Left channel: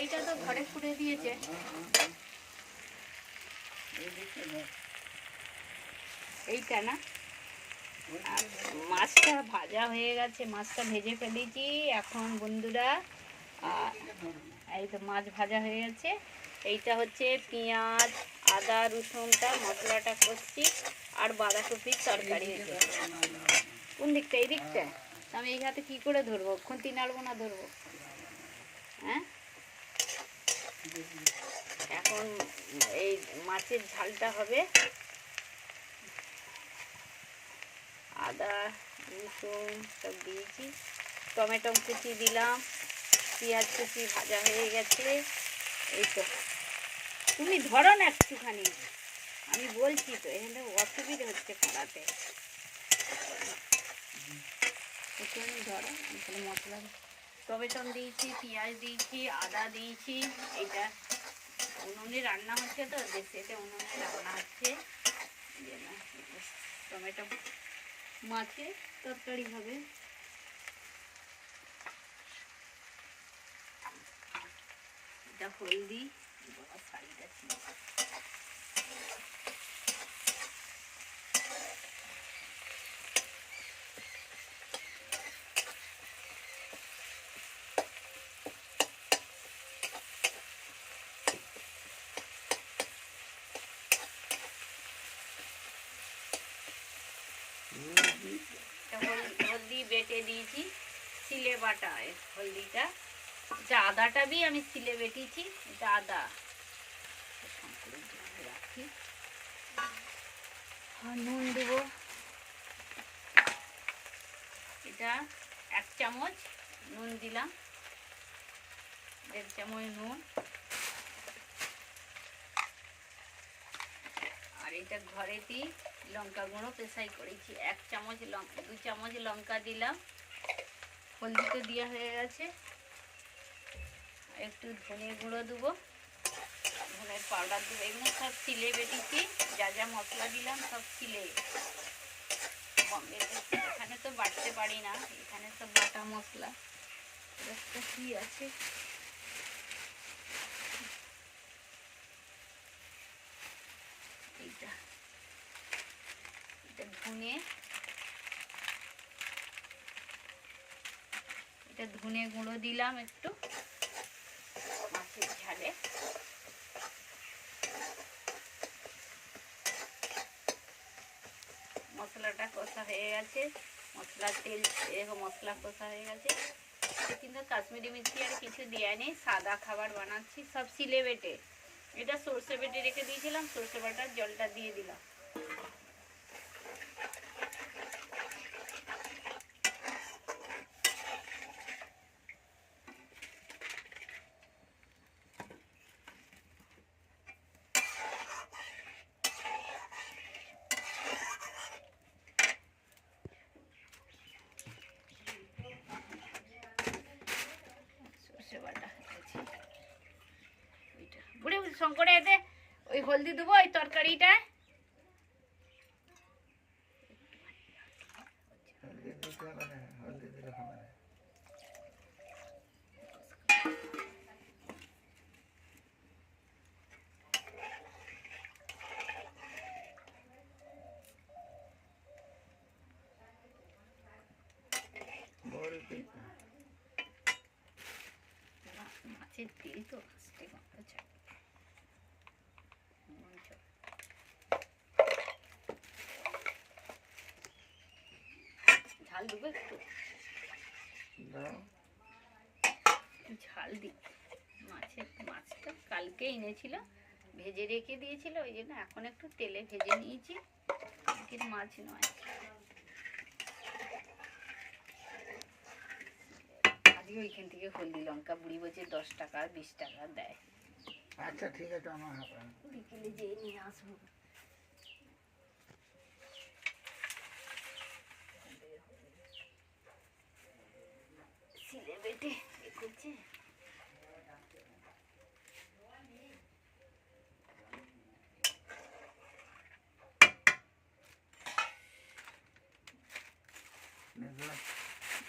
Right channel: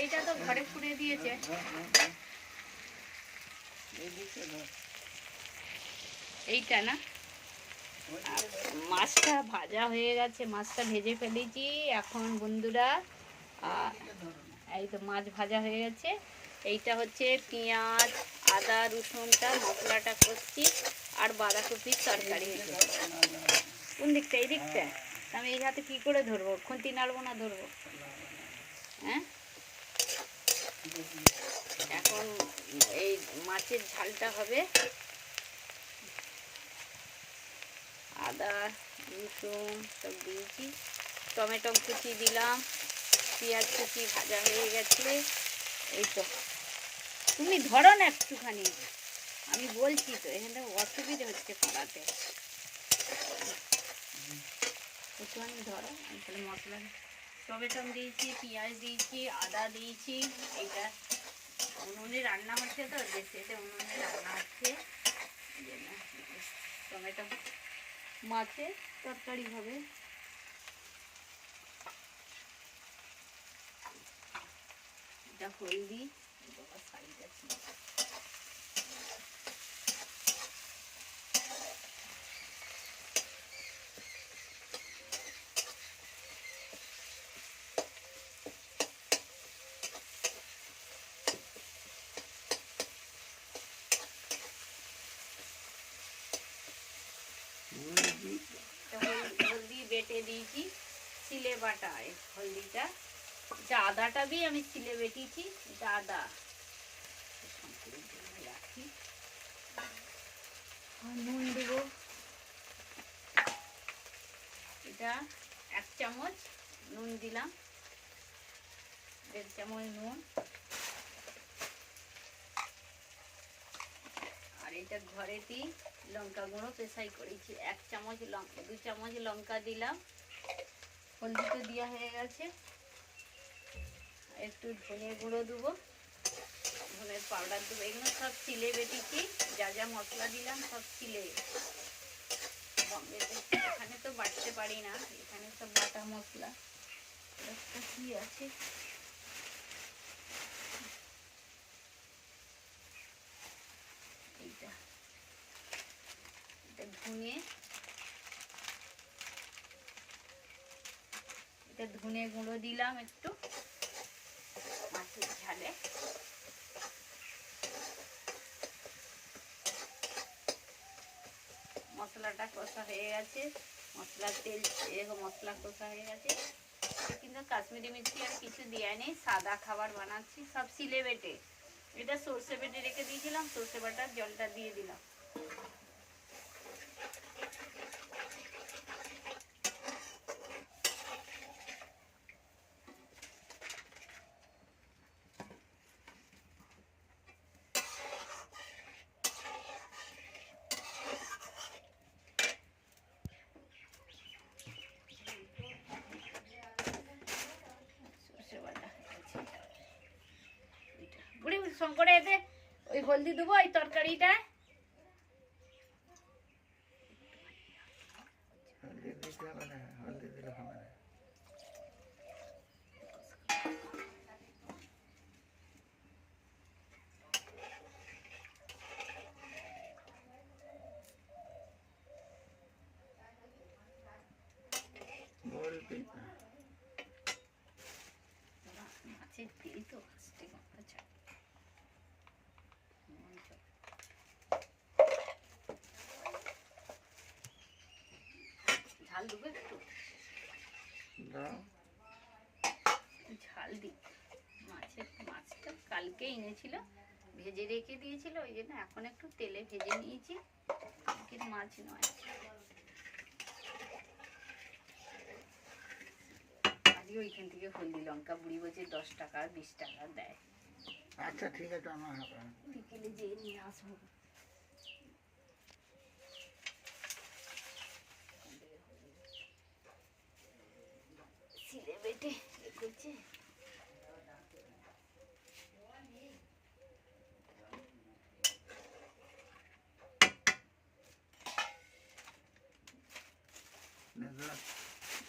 তরকারিটা তো ঘরে ফুটে দিয়েছে। এইটা না, আর মাছটা ভাজা হয়ে গেছে, মাছটা ভেজে ফেলেছি এখন বন্ধুরা। এই তো মাছ ভাজা হয়ে গেছে। এইটা হচ্ছে পেঁয়াজ আদা রসুনটা মশলাটা করছি, আর বাঁধাকপির তরকারি হয়েছে। কোন দিকটা? এই দিকটা। আমি এই হাতে কী করে ধরবো? খুন্তি নাড়বো না ধরবো? হ্যাঁ, এখন এই মাছের ঝালটা হবে। আদা রসুন সব দিয়েছি, টমেটো কুচি দিলাম, পেঁয়াজ কুচি ভাজা হয়ে গেছে। এই তো, তুমি ধরো না একটুখানি, আমি বলছি তো, এখানে অসুবিধা হচ্ছে করাতে। একটুখানি ধরো, আমি তাহলে মশলা টমেটো দিয়েছি, পেঁয়াজ দিয়েছি, আদা দিয়েছি। এইটা উনুনে রান্না হচ্ছে তো, দেশে উনুনে রান্না হচ্ছে। টমেটো মাছের তরকারি হবে। এটা হলদি, শাড়িটা হলদি বেটে দিয়েছি, সিলে বাটা হলদিটা। এটা আদাটা भी আমি সিলে বেটেছি, এটা আদা রাখি। নুন দেবো, এটা 1 চামচ নুন দিলাম, 1.5 চামচ নুন। আর এটা ঘরেতেই লঙ্কা গুঁড়ো পেশাই করেছি, 1 চামচ লঙ্কা, 2 চামচ লঙ্কা দিলাম। হলদিতে দেওয়া হয়ে গেছে। একটু ধনে গুঁড়ো দেবো, ধনের পাউডার দেবো। এগুলো সব সিলে বেটেছি, যা যা মশলা দিলাম সব সিলে। এখানে তো বাটতে পারি না, এখানে সব বাটা মশলা। একটা কি আছে, এইটা এটা ধনে, এটা ধনে গুঁড়ো দিলাম একটু মাছের ঝালে। মশলাটা কষা হয়ে গেছে, মশলার তেল এরকম মশলা কষা হয়ে গেছে। কিন্তু কাশ্মীরি মির্চি আর কিছু দেওয়া নেই, সাদা খাবার বানাচ্ছি, সব সিলে বেটে। এটা সর্ষে বেটে রেখে দিয়েছিলাম, সর্ষে বাটার জলটা দিয়ে দিলাম। বুড়ি শঙ্করে এতে ওই হলদি দেবো ওই তরকারিটা। হলদি দিলে হবে না। মাছের তেল তো ঝাল দেবো একটু, ঝাল দিই। মাছটা কালকে এনেছিল, ভেজে রেখে দিয়েছিল, ওই জন্য এখন একটু তেলে ভেজে নিয়েছি, কিন্তু মাছ নয়। আজকে ওইখান থেকে হলদি লঙ্কা বুড়ি বলছে 10 টাকা 20 টাকা দেয়। আচ্ছা ঠিক আছে, আমার বিকেলে যেয়ে নিয়ে আসবো। সিলে বেটে এ করছে।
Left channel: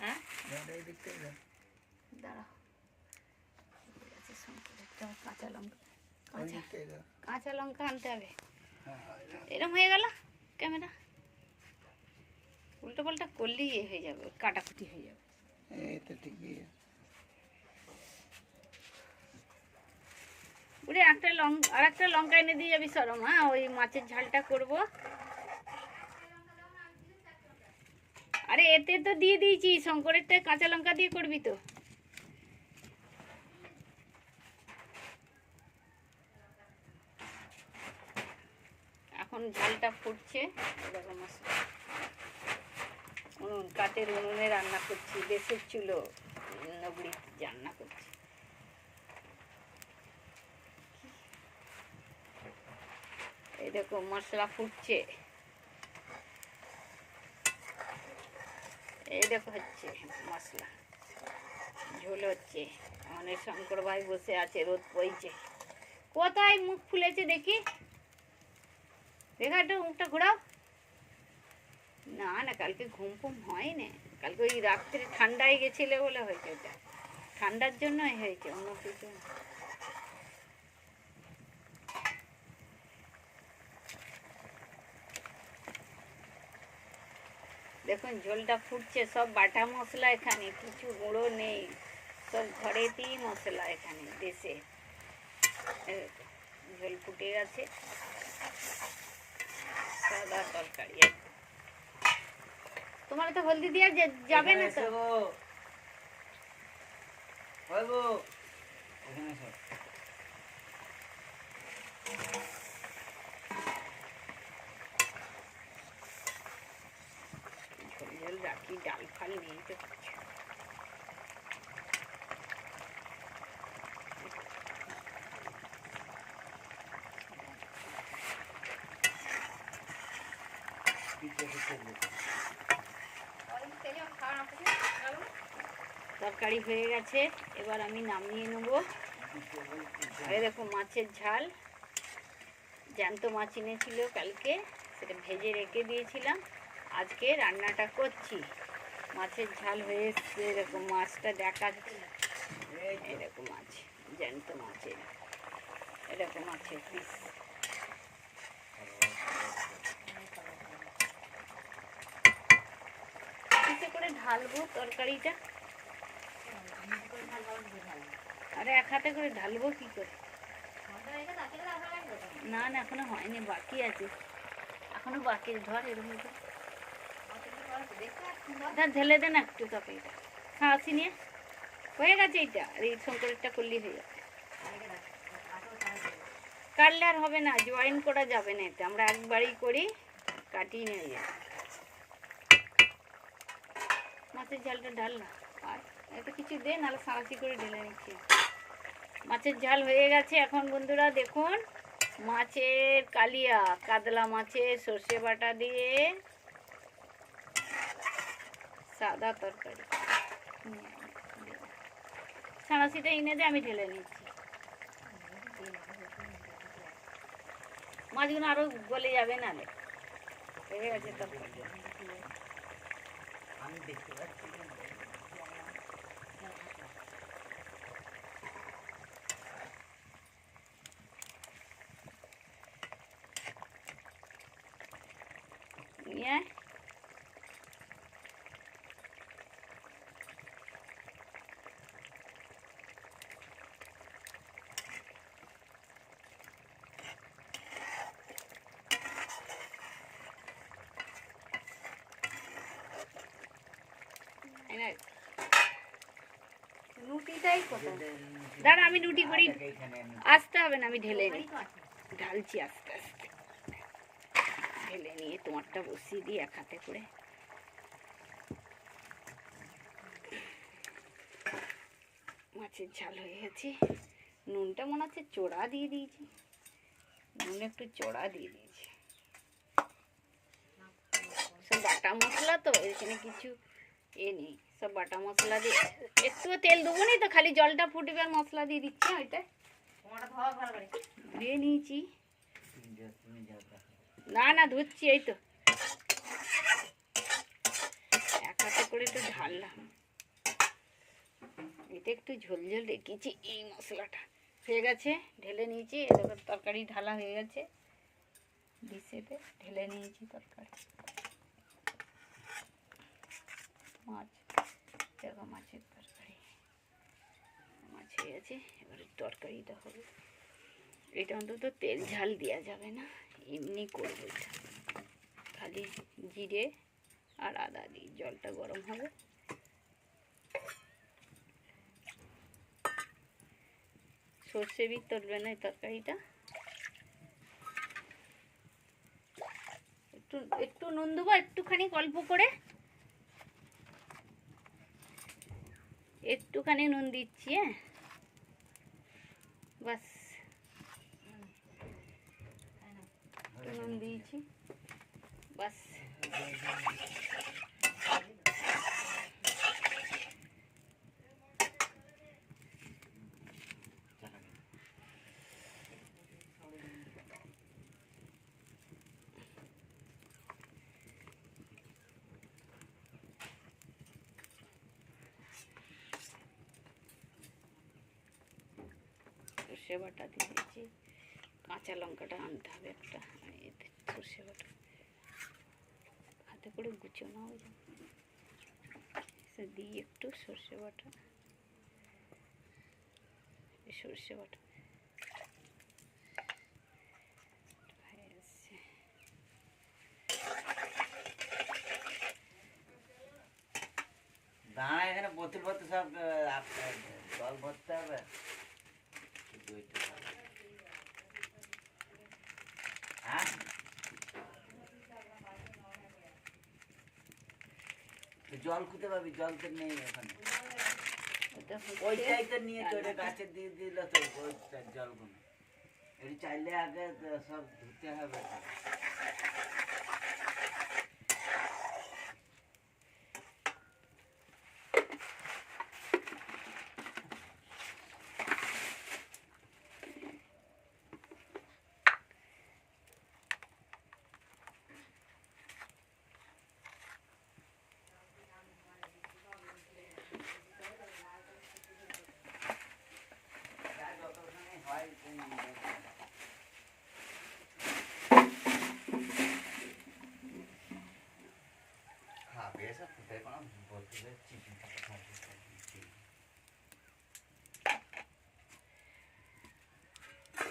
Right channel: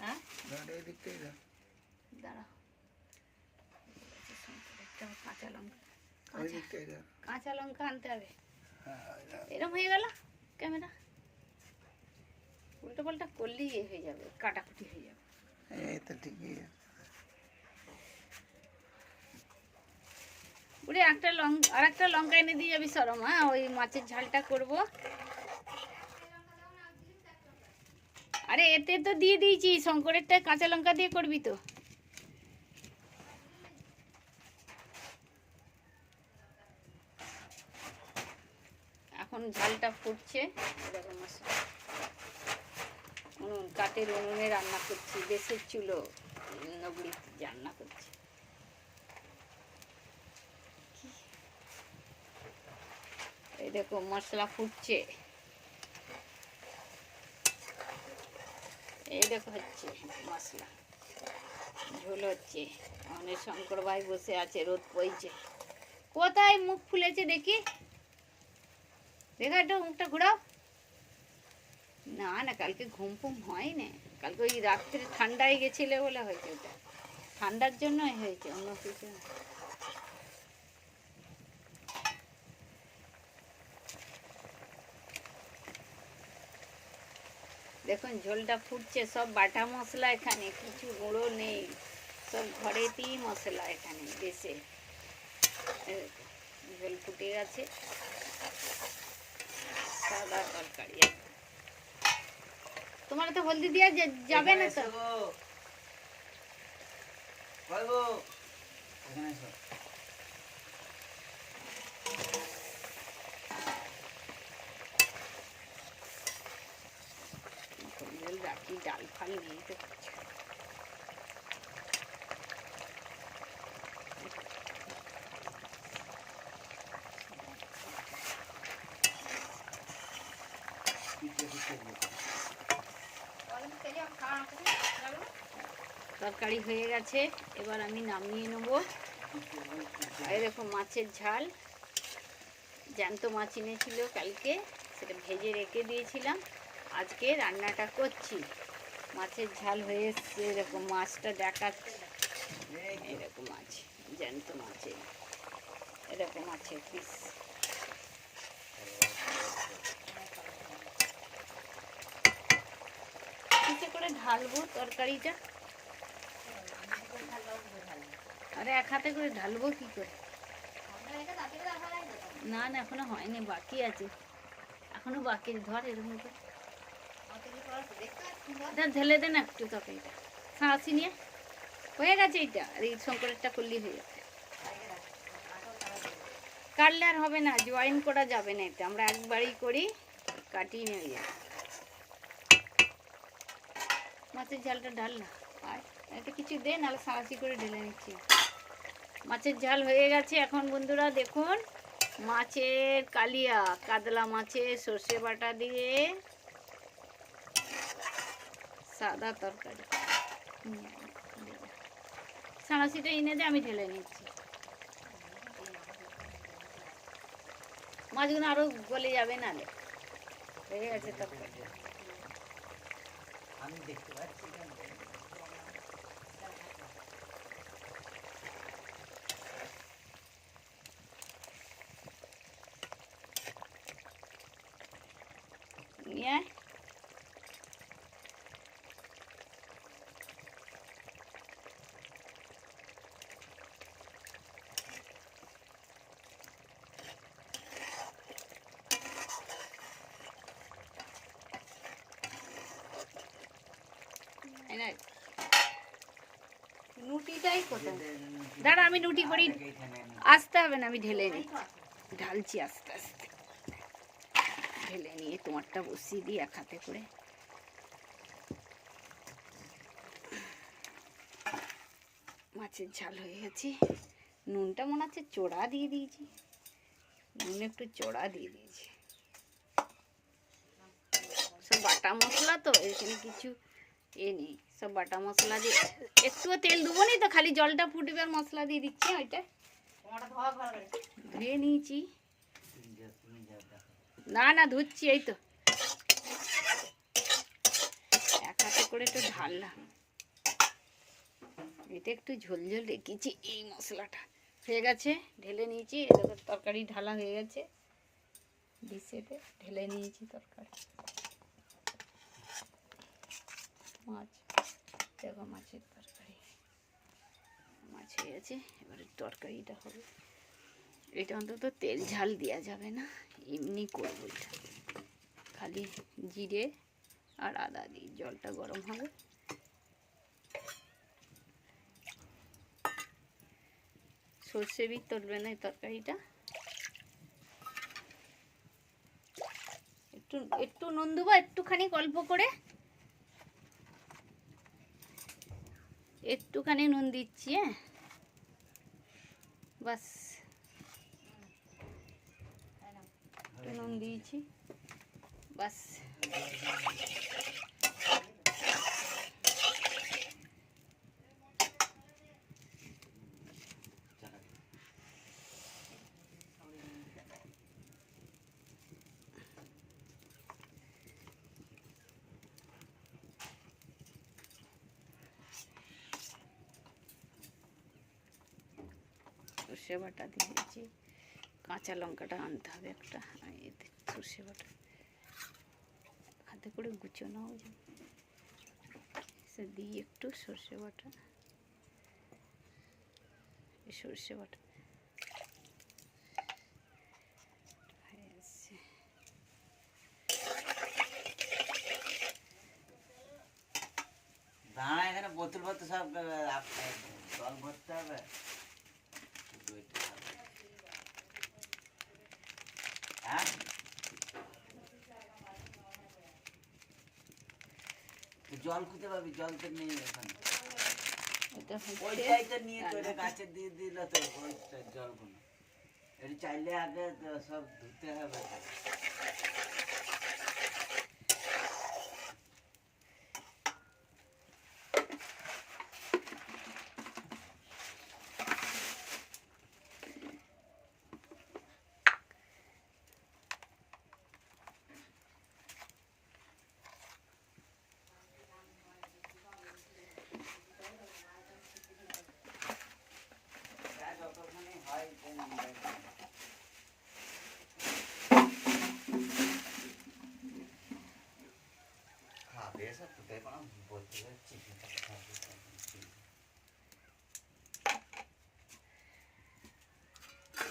হ্যাঁ, দাঁড়াও, কাঁচা লঙ্কা, কাঁচা লঙ্কা আনতে হবে। এরকম হয়ে গেল ক্যামেরা, উল্টো পাল্টা করলেই এ হয়ে যাবে, কাটাকুটি হয়ে যাবে। এই তো ঠিকই। ওরে আর একটা লঙ্কা এনে দিয়ে যাবি সরম। হ্যাঁ, ওই মাছের ঝালটা করব। আরে এতে তো দিয়ে দিয়েছি, শঙ্করেরটা কাঁচা লঙ্কা দিয়ে করবি তো। এখন ঝালটা ফুটছে, এরকম উনুন, কাঠের উনুনে রান্না করছি, দেশের চুলো নগরী রান্না করছি। এই দেখো মশলা ফুটছে, এই দেখো হচ্ছে মশলা, ঝোল হচ্ছে। অনেক শঙ্কর ভাই বসে আছে, রোদ পড়ছে। কোথায় মুখ ফুলেছে দেখি, দেখা একটু মুখটা ঘোরাও। না না, কালকে ঘুম ফুম হয় না, কালকে ওই রাত্রে ঠান্ডায় গেছিলে বলে হয়েছে, এটা ঠান্ডার জন্যই হয়েছে, অন্য কিছু না। দেখুন ঝোলটা ফুটছে, সব বাটা মশলা, এখানে কিছু গুঁড়ো নেই, সব ঘরেতেই মশলা এখানে দেশে। ঝোল ফুটে গেছে, সাদা তরকারি। তোমার তো হলদি দিয়া যাবে না তো? রাখি, ডাল ফাল নিতে পারছে। তরকারি হয়ে গেছে, এবার আমি নামিয়ে নেব। এরকম মাছের ঝাল, জ্যান্ত মাছ এনেছিল কালকে, সেটা ভেজে রেখে দিয়েছিলাম, আজকে রান্নাটা করছি। মাছের ঝাল হয়ে এসছে, এরকম মাছটা দেখাচ্ছে, এরকম মাছ, জ্যান্ত মাছের, এরকম মাছের পিস। কিসে করে ঢালবো তরকারিটা? আরে এক হাতে করে ঢালবো কি করে? না না, এখনো হয়নি, বাকি আছে, এখনো বাকি। ধর এরকম করে ঢেলে দেন একটু তরকারিটা, সাঁড়াশি নিয়ে। হয়ে গেছে এইটা, আর এই শঙ্করেরটা করলেই হয়ে গেছে। কাটলে আর হবে না, জয়েন করা যাবে না, এটা আমরা একবারই করি, কাটিয়ে নিয়ে যাই। মাছের ঝালটা ঢাললাম, আর এতে কিছু দে, নাহলে সাঁড়াশি করে ঢেলে নিচ্ছি। মাছের ঝাল হয়ে গেছে। এখন বন্ধুরা দেখুন, মাছের কালিয়া, কাতলা মাছের সর্ষে বাটা দিয়ে সাদা তরকারি। সাঁড়াশিটা এনে দিয়ে আমি ঢেলে নিচ্ছি। মাছগুলো আরো গলে যাবে, নালে হয়ে গেছে তরকারি। আমি দেখতে পাচ্ছি নিয়ে নুটিটাই কোথায়? দাঁড়া, আমি নুটি করি, আসতে হবে না, আমি ঢেলে নিই, ঢালছি আস্তে আস্তে, ঢেলে নিয়ে তোমারটা বসিয়ে দিই এক হাতে করে। মাছের ঝাল হয়ে গেছে, নুনটা মনে হচ্ছে চড়া দিয়ে দিয়েছি, নুন একটু চড়া দিয়ে দিয়েছি। সব বাটা মশলা তো, এখানে কিছু এ নেই, সব বাটা মশলা দিয়ে, একটু তেল দেবো নি তো, খালি জলটা ফুটবে আর মশলা দিয়ে দিচ্ছি। ওইটা ধুয়ে নিয়েছি, না না ধুচ্ছি, এই তো এক হাতে করে তো ঢাললাম। এটা একটু ঝোল ঝোল রেখেছি এই মশলাটা, হয়ে গেছে, ঢেলে নিয়েছি। এবার তরকারি ঢালা হয়ে গেছে, ডিশেতে ঢেলে নিয়েছি তরকারি। মাছ, দেখো মাছের তরকারি, মাছ হয়ে গেছে। এবারে তরকারিটা হবে। এটা অন্তত তেল ঝাল দেওয়া যাবে না, এমনি করবো এটা। খালি জিরে আর আদা দিয়ে জলটা গরম হবে। সর্ষে বিট তুলবে না এই তরকারিটা। একটু একটু নুন দেবো, একটুখানি অল্প করে, একটুখানি নুন দিচ্ছি। হ্যাঁ, বাস নুন দিয়েছি, বাস। সর্ষে বাটা দিয়েছি, কাঁচা লঙ্কাটা আনতে হবে একটা, এতে সর্ষে বাটা হাতে করে গুছিয়ে নাও, সে দিয়ে একটু সর্ষে বাটা, সর্ষে বাটা দাঁড়া, এখানে বোতল ভর্তি সব জল ভরতে হবে। হ্যাঁ, জল খুঁজে পাবি, জল তো নেই ওখানে। ওইটাই তো নিয়ে তোরে গাছে দিয়ে দিল তো, ওইটা জলগুলো এটি চাইলে আগে সব ধুতে হবে।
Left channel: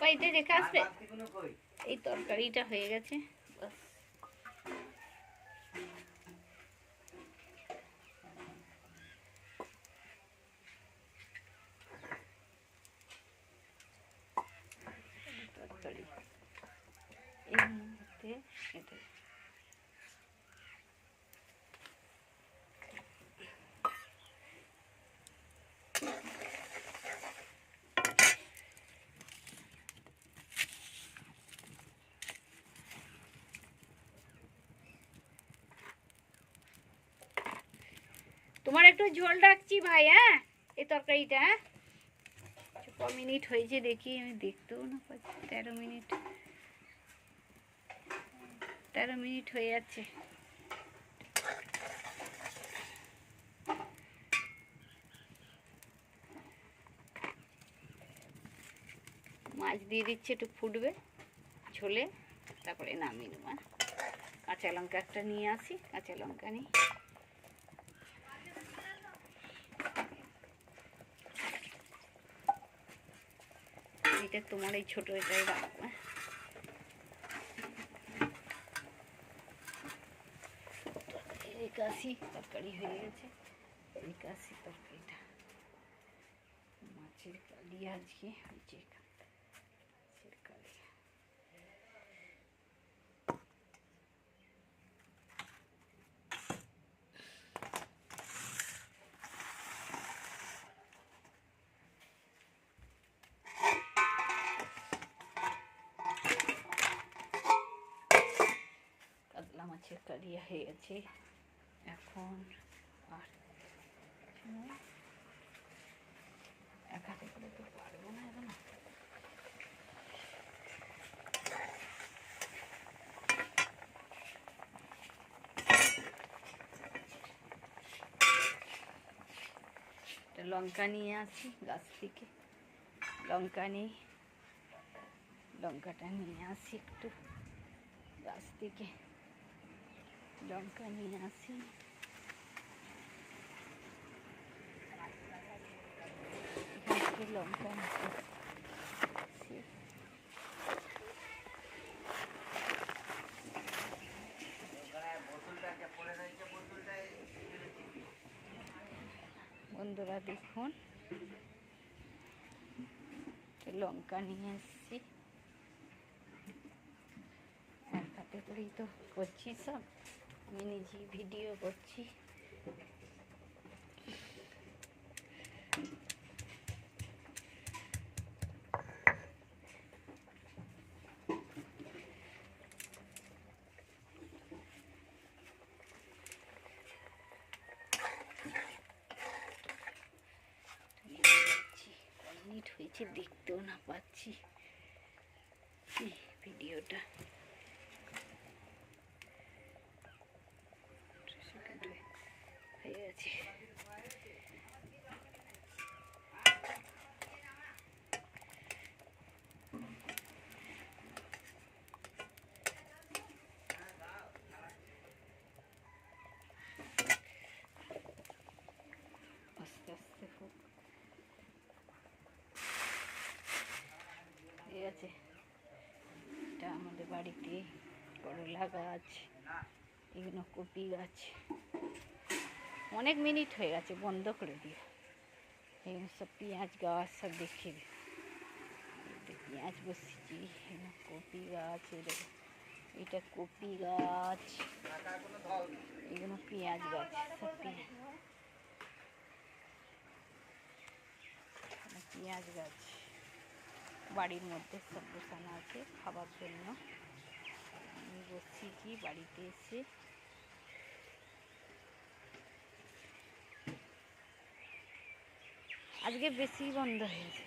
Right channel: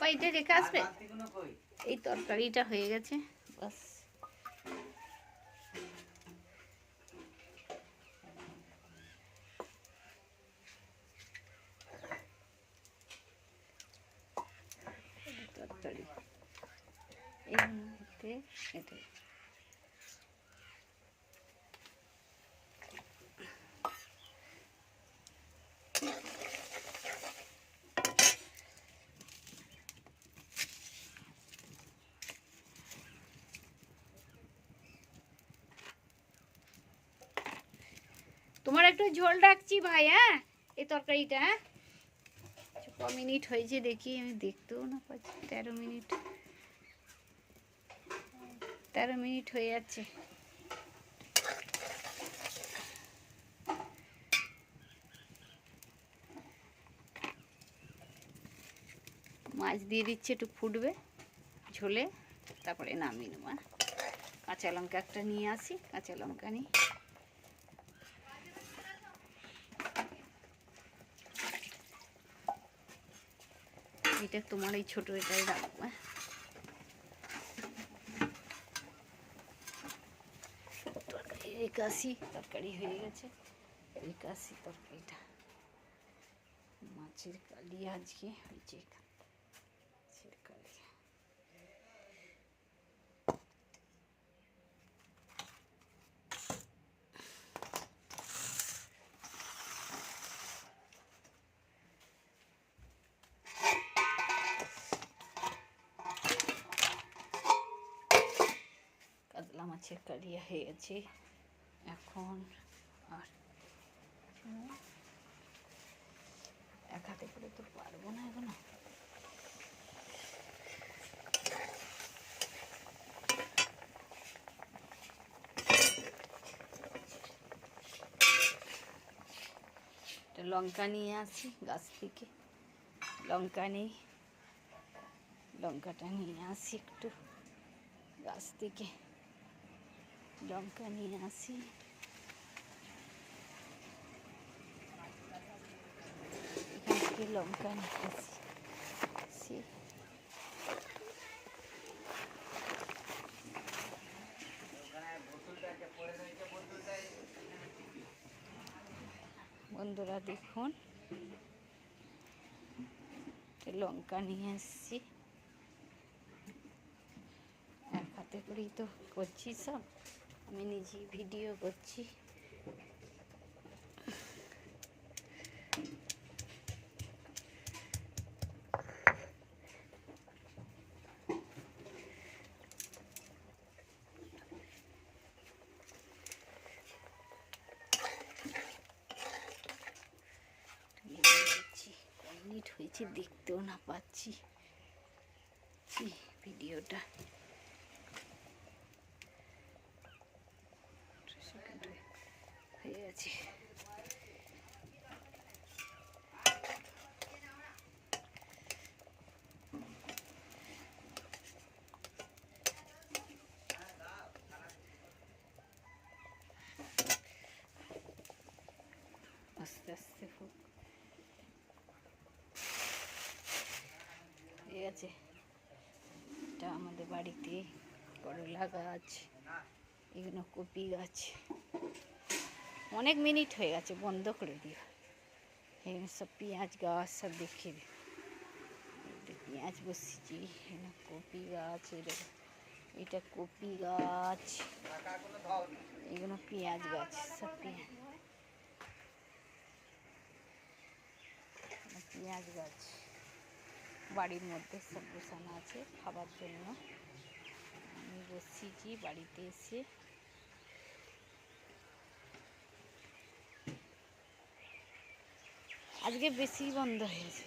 পাইতে রেখে আসবে। এই তরকারিটা হয়ে গেছে, বাস। তরকারি এই মুহূর্তে এটা তোমার একটু ঝোল রাখছি ভাই। হ্যাঁ, এই তরকারিটা, হ্যাঁ, ক মিনিট হয়েছে দেখি, আমি দেখতেও না পাচ্ছি। 13 মিনিট, 13 মিনিট হয়ে যাচ্ছে। মাছ দিয়ে দিচ্ছি, একটু ফুটবে ঝোলে, তারপরে নামিয়ে নেব। কাঁচা লঙ্কা একটা নিয়ে আসি, কাঁচা লঙ্কা নিই। এটা তোমার এই ছোটো এটাই রাখবো। একাশি তরকারি হয়ে গেছে, একাশি তরকারিটা মাছের কালিয়া আজকে হয়েছে, মাছের কালিয়া। কাতলা মাছের কালিয়া হয়ে গেছে। এখন আর এক হাতে করে তো পারবো না এখনো। লঙ্কা নিয়ে আসি গাছ থেকে, লঙ্কা নিই, লঙ্কাটা নিয়ে আসি একটু গাছ থেকে, লঙ্কা নিয়ে আসি। এখান থেকে লঙ্কা নিয়ে আসি। বন্ধুরা দেখুন, লঙ্কা নিয়ে এসছি, এক হাতে করেই তো করছি সব, আমি নিজেই ভিডিও করছি। মিনিট হয়েছে দেখতেও না পাচ্ছি ভিডিওটা। হয়ে গেছে। আস্তে আস্তে হোক। ঠিক আছে, এটা আমাদের বাড়িতে করলা গাছ, এগুলো কপি গাছ। অনেক মিনিট হয়ে গেছে, বন্ধ করে দিও। এখানে সব পেঁয়াজ গাছ সব দেখিয়ে দিই। পেঁয়াজ বসছি, এখানে কপি গাছ, এটা কপি গাছ, এগুলো পেঁয়াজ গাছ, সব পেঁয়াজ গাছ বাড়ির মধ্যে সব বসানো আছে খাবার জন্য। আমি বসিয়েছি বাড়িতে এসে। আজকে বেশি বন্ধ হয়েছে।